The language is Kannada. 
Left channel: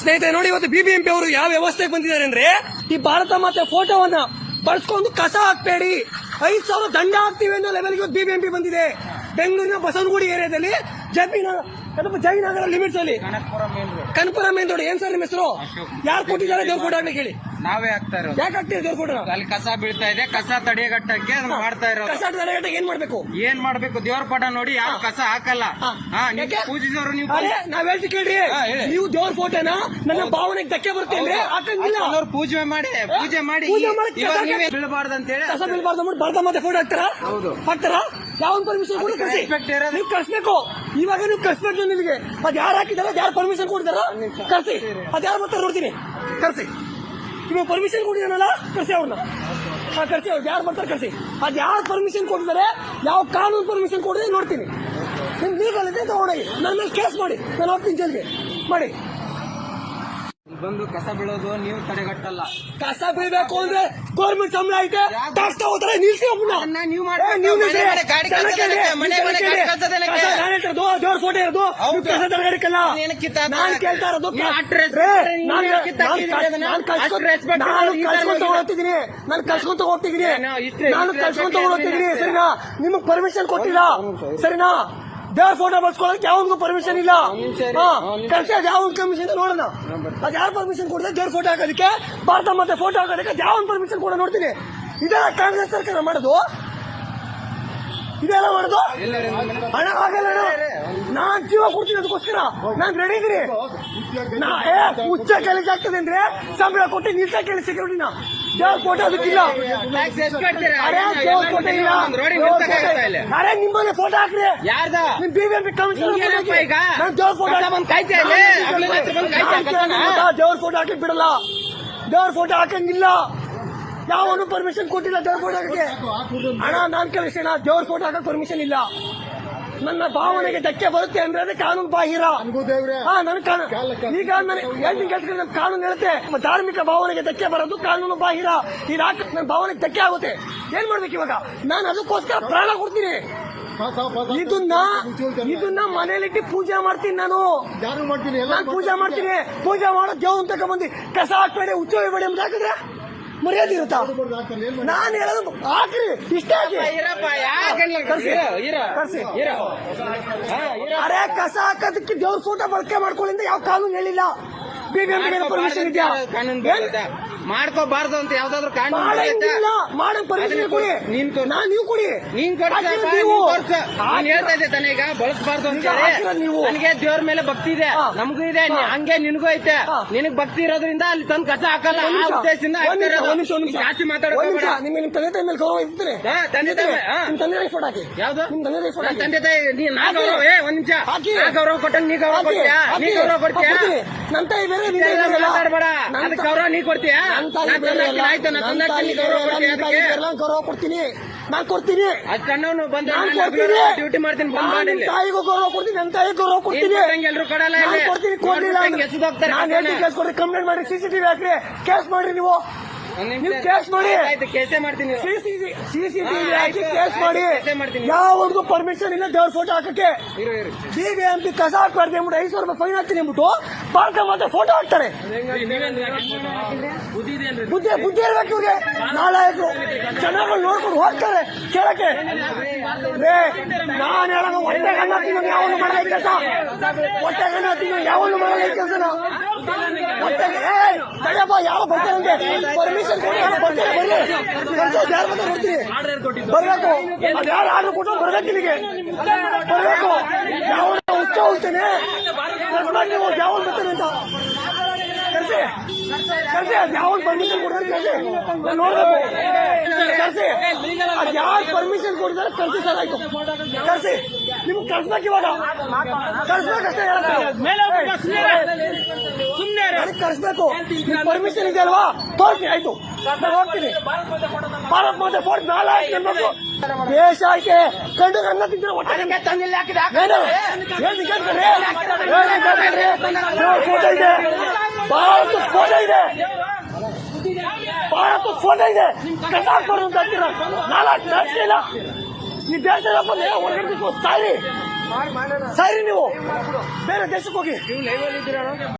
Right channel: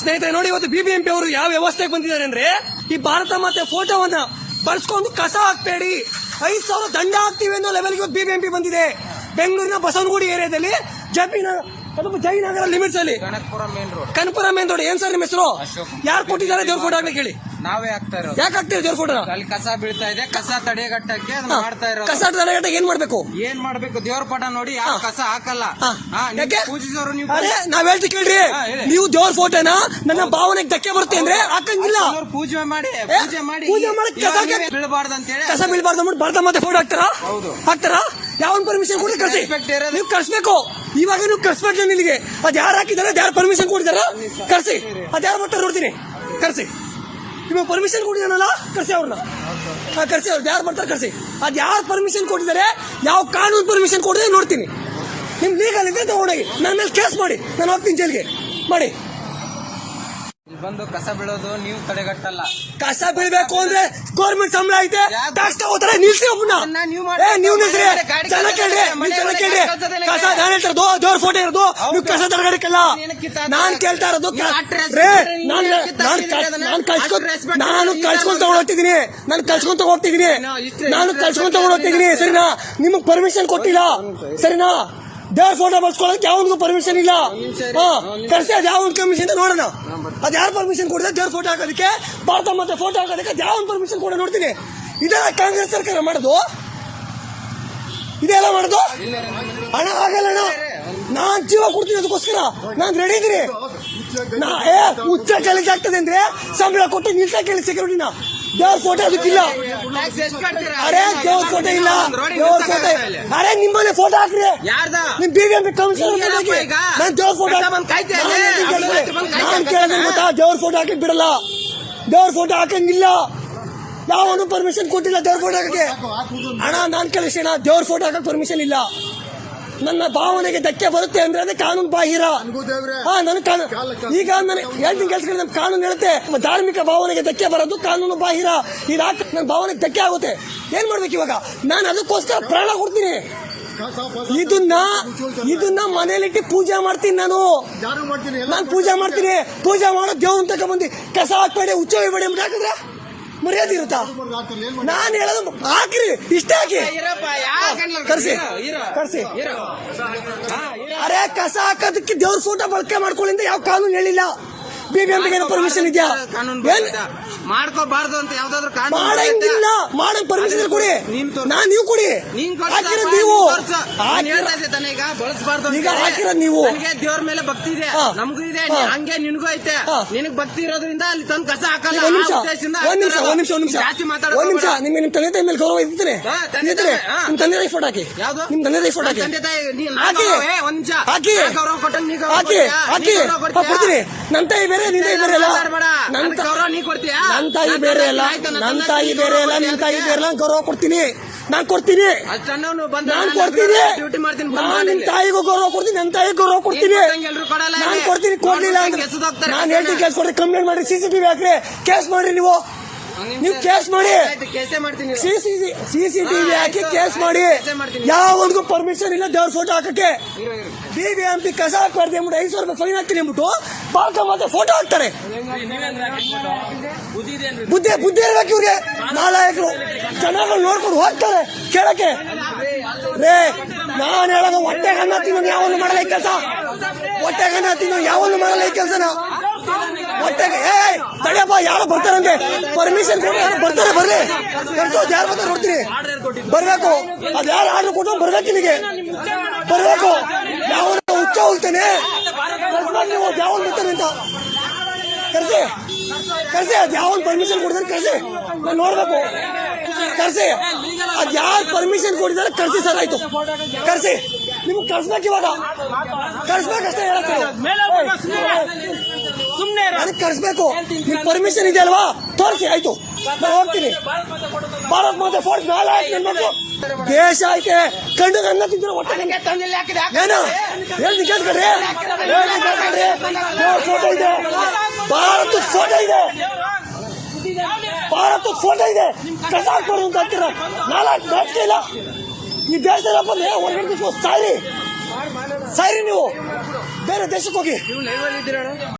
ಸ್ನೇಹಿತರೆ, ನೋಡಿ ಇವತ್ತು ಬಿಬಿಎಂಪಿ ಅವರು ಯಾವ ವ್ಯವಸ್ಥೆಗೆ ಬಂದಿದ್ದಾರೆ ಅಂದ್ರೆ ಈ ಭಾರತ ಮಾತೆ ಫೋಟೋವನ್ನ ಬಳಸ್ಕೊಂಡು ಕಸ ಹಾಕ್ಬೇಡಿ. ಐದು ಸಾವಿರ ದಂಡ ಹಾಕ್ತೀವಿ ಅನ್ನೋ ಲೆವೆಲ್ಗೆ ಬಿಬಿಎಂಪಿ ಬಂದಿದೆ. ಬೆಂಗಳೂರಿನ ಬಸವನಗುಡಿ ಏರಿಯಾದಲ್ಲಿ ಜಪಿನ ಅಥವಾ ಜಯನಗರ ಲಿಮಿಟ್ಸ್ ಅಲ್ಲಿ. Kanakapura main road Kanapura main road ಏನ್ ಸರ್ ನಿಮ್ಮ ಹೆಸರು? ಯಾರು ಕೊಟ್ಟಿದ್ದಾರೆ ದೇವ್ರ ಫೋಟೋ ಹಾಕ್ಲಿಕ್ಕೆ ಕೇಳಿ. ನಾವೇ ಹಾಕ್ತಾ ಇರೋದು. ಯಾಕೆ ಹಾಕ್ತೀರಿ ದೇವ್ರ ಫೋಟೋ ಅಲ್ಲಿ ಕಸ ಬೀಳ್ತಾ ಇದೆ ಕಸ ತಡೆಗಟ್ಟಕ್ಕೆ ಅದನ್ನ ಮಾಡ್ತಾ ಇರೋ ಕಸ ತಡೆಗಟ್ಟ ಏನ್ ಮಾಡ್ಬೇಕು? ಏನ್ ಮಾಡ್ಬೇಕು? ದೇವ್ರ ಪಟ ನೋಡಿ ಯಾರು ಕಸ ಹಾಕಲ್ಲ? ಹಾ. ಹಾ ನೀವು ಯಾಕೆ? ಪೂಜಿಸೋರು ನೀವು ನಾವ್ ಹೇಳ್ತಿ ಕೇಳ್ರಿ. ಹಾ, ಹೇಳಿ. ನೀವು ದೇವ್ರ ಫೋಟೋನ ನನ್ನ ಭಾವನೆಗೆ ಧಕ್ಕೆ ಬರುತ್ತೆ ಅಂದ್ರೆ ಹಾಕಂಗಿಲ್ಲ. ಪೂಜೆ ಮಾಡಿ ಪೂಜೆ ಮಾಡಿ ಪೂಜೆ ಕಸ ಇವಾಗ ಹಾಕಿ- ಬೀಳಬಾರ್ದು ಅಂತ ಹೇಳಿ ಕಸ ಬೀಳ್ಬಾರ್ದು ಅಂದ್ಬಿಟ್ಟು ಬರ್ದ ಮತ್ತೆ ಫೋಟೋ ಹಾಕ್ತಾರ? ಹೌದು. ಹಾಕ್ತಾರಾ? ಯಾವನ್ ಪರ್ಮಿಷನ್ ಕೊಡಿ ಕಳ್ಸಿ? ನೀವು ಕಳಿಸ್ಬೇಕು. ಇವಾಗ ನೀವು ಕಳಿಸ್ಬೇಕು ನಿಮಗೆ ಅದ್ ಯಾರು ಹಾಕಿದಾರೆ ಯಾರು ಪರ್ಮಿಷನ್ ಕೊಡಿದಾರ ಕರ್ಸಿ. ಅದ್ ಯಾರು ಬರ್ತಾರೆ ನೋಡ್ತೀನಿ. ಕರ್ಸಿ. ನೀವು ಪರ್ಮಿಷನ್ ಕೊಡಿದಾನಲ್ಲ? ಕರ್ಸಿ ಅವ್ರನ್ನ. ಕಳಿಸಿ ಅವ್ರು. ಯಾರು ಬರ್ತಾರೆ ಕರ್ಸಿ. ಅದ್ ಯಾರು ಪರ್ಮಿಷನ್ ಕೊಟ್ಟಿದ್ದಾರೆ? ಯಾವ ಕಾನೂನು ಪರ್ಮಿಷನ್ ಕೊಡಿದ್ರೆ ನೋಡ್ತೀನಿ. ನಿಮ್ ಲೀಗಲ್ ಇದೆ ತಗೊಂಡೋಗಿ. ನನ್ನ ಮೇಲೆ ಕೇಸ್ ಮಾಡಿ. ನಾನು ಹೋಗ್ತೀನಿ ಜೈಲ್ಗೆ ಮಾಡಿ. ಕಸ ಬೀಳೋದು ನೀವು ತಡೆಗಟ್ಟಲ್ಲ. ಕಸ ಬೀಳ್ಬೇಕು ಅಂದ್ರೆ ಗೌರ್ಮೆಂಟ್ ಸಂಬಳ ಐತೆ? ಟ್ಯಾಕ್ಸ್ ತಗೋತಾರೆ ನಿಲ್ಸಿ ಅದನ್ನ ನೀವು ಮಾಡಿ- ಏ, ನೀವು ನಿಲ್ಸಿ. ಮನೆ ಮನೆ ಗಾಡಿ ಜನ ಕೇಳಿ, ಮನೆ ನೀವು ಕೇಳಿ. ಕಸ ನಾನು ಇರೋದು, ದೇವ್ರ ಫೋಟೋ ಇರೋದು. ನೀವು ಕಸ ನಾನು ಕೇಳ್ತಾ ಇರೋದು ನೀನು ನೀನು ಹೋಗ್ತಿದ್ದೀನಿ ನಾನು ಕಳ್ಸ್ಕೊಂತ ಹೋಗ್ತಿದ್ದೀನಿ ನಾನು ಹೋಗ್ತಿದ್ದೀನಿ ಸರಿನಾ? ನಿಮಗೆ ಪರ್ಮಿಷನ್ ಕೊಟ್ಟಿಲ್ಲ. ಸರಿನಾ? ದೇವ್ರ ಫೋಟೋ ಬಳಸ್ಕೊಳ್ಳೋಕೆ ಯಾವನಿಗೂ ಪರ್ಮಿಷನ್ ಇಲ್ಲ. ಕರ್ಸಿ ಅದ್ ಯಾವ ಕಮಿಷನ್ ನೋಡೋಣ. ಅದ್ ಯಾರು ಪರ್ಮಿಷನ್ ಕೊಡಿದ್ರೆ ದೇವ್ರ ಫೋಟೋ ಹಾಕೋದಕ್ಕೆ? ಭಾರತ ಮತ್ತೆ ಫೋಟೋ ಹಾಕೋದಕ್ಕೆ ಯಾವ ಪರ್ಮಿಷನ್ ಕೊಡೋ ನೋಡ್ತೀನಿ. ಇದೆಲ್ಲ ಕಾಂಗ್ರೆಸ್ ಸರ್ಕಾರ ಮಾಡೋದು? ಇದೆಲ್ಲ ಮಾಡೋದು? ಹಣ ಆಗಲ್ಲ ಅಣ್ಣ. ನಾನ್ ಜೀವ ಕೊಡ್ತೀನಿ ಅದಕ್ಕೋಸ್ಕರ. ನಾನ್ ರೆಡಿ ಇದೀನಿ ಏ ಉಚ್ಚ ಚಲಿಗೆ ಆಗ್ತದೆ ಅಂದ್ರೆ ಸಂಬಳ ಕೊಟ್ಟು ನಿಲ್ಸ ಕೇಳಿ ಸೆಕ್ಯೂರಿಟಿನ ದೇವ್ರ ಫೋಟೋ ಅದಕ್ಕಿಲ್ಲ? ಅರೆ ದೇವ್ರ ಫೋಟೋ ಇಲ್ಲ? ಅರೆ ನಿಮ್ಮನೆ ಫೋಟೋ ಹಾಕ್ರಿ. ನಿಮ್ ಬಿಬಿಎಂಪಿ ಕಮಿಷನರ್ ಹಿಂಗೇನಪ್ಪ ನಾನು ದೇವ್ರ ಫೋಟೋ. ದೇವ್ರ ಫೋಟೋ ಹಾಕಿ ಬಿಡಲ್ಲ. ದೇವ್ರ ಫೋಟೋ ಹಾಕಂಗಿಲ್ಲ. ಯಾವನು ಪರ್ಮಿಷನ್ ಕೊಟ್ಟಿಲ್ಲ ದೇವ್ರ ಫೋಟೋ ಹಾಕಕ್ಕೆ. ಅಣ್ಣ ನಾನ್ ಕಳಿಸೋಣ ದೇವ್ರ ಫೋಟೋ ಹಾಕಕ್ ಪರ್ಮಿಷನ್ ಇಲ್ಲ. ನನ್ನ ಭಾವನೆಗೆ ಧಕ್ಕೆ ಬರುತ್ತೆ ಅಂದ್ರೆ ಅದೇ ಕಾನೂನು ಬಾಹಿರ. ಹಾ ನನ್ ಕಾನೂನು ಈಗ ನಾನು ಹೇಳ್ತೀನಿ ಕಾನೂನು ಹೇಳುತ್ತೆ ಧಾರ್ಮಿಕ ಭಾವನೆಗೆ ಧಕ್ಕೆ ಬರೋದು ಕಾನೂನು ಬಾಹಿರ. ಇದು ಹಾಕ ನನ್ನ ಭಾವನೆಗೆ ಧಕ್ಕೆ ಆಗುತ್ತೆ. ಏನ್ ಮಾಡ್ಬೇಕು ಇವಾಗ? ನಾನು ಅದಕ್ಕೋಸ್ಕರ ಪ್ರಾಣ ಕೊಡ್ತೀನಿ. ಇದನ್ನ ಇದನ್ನ ಮನೇಲಿಟ್ಟು ಪೂಜೆ ಮಾಡ್ತೀನಿ ನಾನು. ನಾನು ಪೂಜೆ ಮಾಡ್ತೀನಿ. ಪೂಜೆ ಮಾಡೋ ದೇವ್ರ ತಗೊಂಡ್ಬಂದು ಕಸ ಹಾಕ್ಬೇಡಿ ಅಂತ ಹಾಕಿದ್ರೆ ಮರ್ಯಾದೆ ಇರುತ್ತಾ ನಾನು ಹೇಳೋದು ಹಾಕ್ರಿ, ಇಷ್ಟ ಹಾಕಿ ಕರ್ಸಿ. ಕರ್ಸಿ. ಅರೆ, ಕಸ ಹಾಕೋದಕ್ಕೆ ದೇವ್ರ ಸೂಟ ಬಳಕೆ ಮಾಡ್ಕೊಳ್ಳಿಂದ ಯಾವ ಕಾನೂನು ಹೇಳಿಲ್ಲ ಬಿಬಿಎಂಪಿಗೆ ಪರ್ಮಿಷನ್ ಇದೆಯಾ ಕಾನೂನು. ಮಾಡ್ಕೋಬಾರ್ದು ಅಂತ ಯಾವ್ದಾದ್ರು ಕಾನೂನು ಬರುತ್ತೆ. ಮಾಡಂಗಿಲ್ಲ ಮಾಡಕ್ ಪರ್ಮಿಷನ್ ಕೊಡಿ ನೀನ್ ತೋರ್ಸು. ನಾನ್ ನೀವು ಕೊಡಿ ನೀನ್ ಕೊಡ್ಸಪ್ಪ, ಹಾಕಿರೋದ್ ನೀವು ನೀನ್ ಕೊಡ್ಸು. ನಾನ್ ಹೇಳ್ತಾ ಇದ್ದೆ ತಾನೇ ಈಗ ಬಳಸಬಾರ್ದು ಅಂತ ಈಗ ಹೇಳಿ. ಹಾಕಿರೋದ್ ನೀವು. ನನಗೆ ದೇವ್ರ ಮೇಲೆ ಭಕ್ತಿ ಇದೆ ಹಾ. ನಮಗೂ ಇದೆ ಹಾ. ಹಂಗೆ ನಿನಗೂ ಐತೆ ಹಾ. ನಿನಗ್ ಭಕ್ತಿ ಇರೋದ್ರಿಂದ ಅಲ್ಲಿ ತಂದು ಕಸ ಹಾಕಲ್ಲ ಒಂದ್ ಆ ನಿಮಿಷ ಉದ್ದೇಶದಿಂದ ಒಂದ್ ನಿಮಿಷ. ಒಂದ್ ನಿಮಿಷ ಒಂದ್ ನಿಮಿಷ ಜಾಸ್ತಿ ಒಂದ್ ನಿಮಿಷ ಬೇಡ. ನಿಮ್ಮ ನಿಮ್ ತಂದೆ ತಾಯಿ ಮೇಲೆ ಗೌರವ ಇರ್ತೀನಿ ಹಾ, ತಂದೆ ತಾಯಿ, ಹಾ. ನಿಮ್ ತಂದೆ ತಾಯಿ ಫೋಟೋ ಹಾಕಿ ಯಾವ್ದು? ನಿಮ್ ತಂದೆ ತಾಯಿ ಫೋಟೋ ಹಾಕಿ ತಂದೆ ತಾಯಿ ನೀ- ನಾ ಹಾಕಿ. ಗೌರವ, ಏ, ಒಂದ್ ನಿಮಿಷ ಹಾಕಿ. ನಾ ಗೌರವ ಕೊಟ್ಟಂಗ್ ನೀ ಗೌರವ ಹಾಕಿ ಕೊಡ್ತೀಯಾ? ನೀ ಹಾಕಿ ಗೌರವ ಕೊಡ್ತೀಯಾ? ಕೊಡ್ತೀನಿ ನನ್ನ ತಾಯಿ ಬೇರೆ ನಿನ್ ತಾಯಿ ಬೇರೆ ಅಲ್ಲ ಮಾತಾಡ್ಬೇಡ. ನನ್ನ ಗೌರವ ನೀ ಕೊಡ್ತೀಯಾ? ನನ್ನ ತಾಯಿ ನಾನ್ ಬೇರೆ ತಂದೆ ಅಲ್ಲ. ಆಯ್ತು, ನನ್ನ ತಾಯಿ ನೀ ಬೇರೆ ಗೌರವ ನನ್ನ ತಾಯಿ? ಬೇರೆ ಕೊಡ್ತೀನಿ. ನಾನ್ ಕೊಡ್ತೀನಿ. ಅಷ್ಟ್ ಬಂದ ನಾನ್ ಕೊಡ್ತೀನಿ. ಡ್ಯೂಟಿ ಮಾಡ್ತೀನಿ ಬಂದ್ ತಾಯಿಗೂ ಗೌರವ ಕೊಡ್ತೀನಿ ನನ್ನ ತಾಯಿ ಗೌರವ ಕೊಡ್ತೀನಿ. ಎಲ್ಲರೂ ಕೊಡಲ್ಲ. ಕೊಡ್ತೀನಿ ಕೊಡ್ಲಿಲ್ಲ ನಾನು. ಹೇಳ್ತೀನಿ ಕೇಸ್ ಕೊಡ್ರಿ ಕಂಪ್ಲೇಂಟ್ ಮಾಡಿ ಸಿಸಿಟಿವಿ ಹಾಕ್ರಿ. ಕೇಸ್ ಮಾಡಿ ನೀವು. ನೀವು ಕೇಸ್ ಮಾಡಿ ಸಿ ಸಿ ಮಾಡ್ತೀನಿ ಸಿಸಿಟಿವಿ ಹಾಕಿ ಕೇಸ್ ಮಾಡಿ ಯಾವ್ದು. ಪರ್ಮಿಷನ್ ಇಲ್ಲ ದೇವ್ರ ಫೋಟೋ ಹಾಕಕ್ಕೆ. ಬಿ ಎಂ ಬಿಬಿಎಂಪಿ ಕಸ ಹಾಕ್ಬಾರ್ದು ಐದು ಸಾವಿರ ರೂಪಾಯಿ ಫೈನ್ ಹಾಕ್ತೀನಿ ಅಂದ್ಬಿಟ್ಟು ಭಾರತ ಮಾತ್ರ ಫೋಟೋ ಹಾಕ್ತಾರೆ. ಬುದ್ಧಿ ಬುದ್ಧಿ ಇರ್ಬೇಕು ಇವ್ರಿಗೆ. ನಾಲಾಯಕರು. ಚೆನ್ನಾಗಿ ನೋಡ್ಕೊಂಡು ಹೋಗ್ತಾರೆ ಕೇಳಕ್ಕೆ. ರೇ ನಾನು ಹೇಳೋದು ಹೊಟ್ಟೆ ಕಣ್ಣ ತಿನ್ನೋದು ಯಾವನು ಮಾಡಲ್ಲ ಈ ಕೆಲಸ. ಹೊಟ್ಟೆ ಕಣ್ಣ ತಿನ್ನೋ ಯಾವನು ಮಾಡಲ್ಲ ಈ ಕೆಲಸನ. ತಡೆಯಪ್ಪ ಯಾರು ಬರ್ತಾರಂತೆ ಪರ್ಮಿಷನ್ ಕೊಡಿ ಯಾರು ಬರ್ತಾರೆ ಬರ್ಬೇಕು ಅದ್ ಆರ್ಡರ್ ಕೊಟ್ಟು ಬರ್ಬೇಕು ಬರ್ಬೇಕು ಯಾವ ಹುಚ್ಚ ಹೋಗ್ತಾನೆ ಯಾವ ಬರ್ತಾನೆ ಅಂತ ಕರ್ಸಿ ಕರ್ಸಿ ಅದ್ ಯಾವ ಪರ್ಮಿಷನ್ ಕೊಡ್ತಾರೆ ಕರ್ಸಿ ನೋಡ್ಬೇಕು ಕರ್ಸಿ ಅದ್ ಯಾರು ಪರ್ಮಿಷನ್ ಕೊಡಿದಾರೆ ಕರ್ಸಿ ಸರ್ ಆಯ್ತು. ಕರ್ಸಿ. ನಿಮ್ಗೆ ಕರ್ಸ್ಬೇಕು ಇವಾಗ. ಕರ್ಸ್ಬೇಕಷ್ಟೇ ಹೇಳಕ್ಕೆ. ಅದಕ್ಕೆ ಕರ್ಸ್ಬೇಕು. ನಿಮ್ಗೆ ಪರ್ಮಿಷನ್ ಇದೆ ಅಲ್ವಾ ತೋರಿಸಿ ಆಯ್ತು. ನಾನು ಹೋಗ್ತೀನಿ. ಭಾರತ್ ಮಾತೆ ಫೋರ್ಟ್ ಮೇಲೆ ನನ್ಬೇಕು ದೇಶ ಐತೆ ಕಂಡು ಅನ್ನ ತಿಂದ್ರೆ ಹೊಟ್ಟೆ ಹೇಳ್ತೀನಿ ಕೇಳ್ಕೊಡ್ರಿ ಹೇಳ್ತೀನಿ ಕೇಳ್ಕೊಡ್ರಿ ಫೋಟೋ ಇದೆ. ಭಾರತ ಫೋಟೋ ಇದೆ. ಭಾರತ ಫೋಟೋ ಇದೆ. ಕಸ ಹಾಕ್ಬಾರ್ದು ಅಂತ ಅಂತೀರ? ನಾಲ್ಕು ಇಲ್ಲ. ಈ ದೇಶದ ಬಂದು ಹೊರಗಡೆ ನೀವು. ಬೇರೆ ದೇಶಕ್ಕೆ ಹೋಗಿ.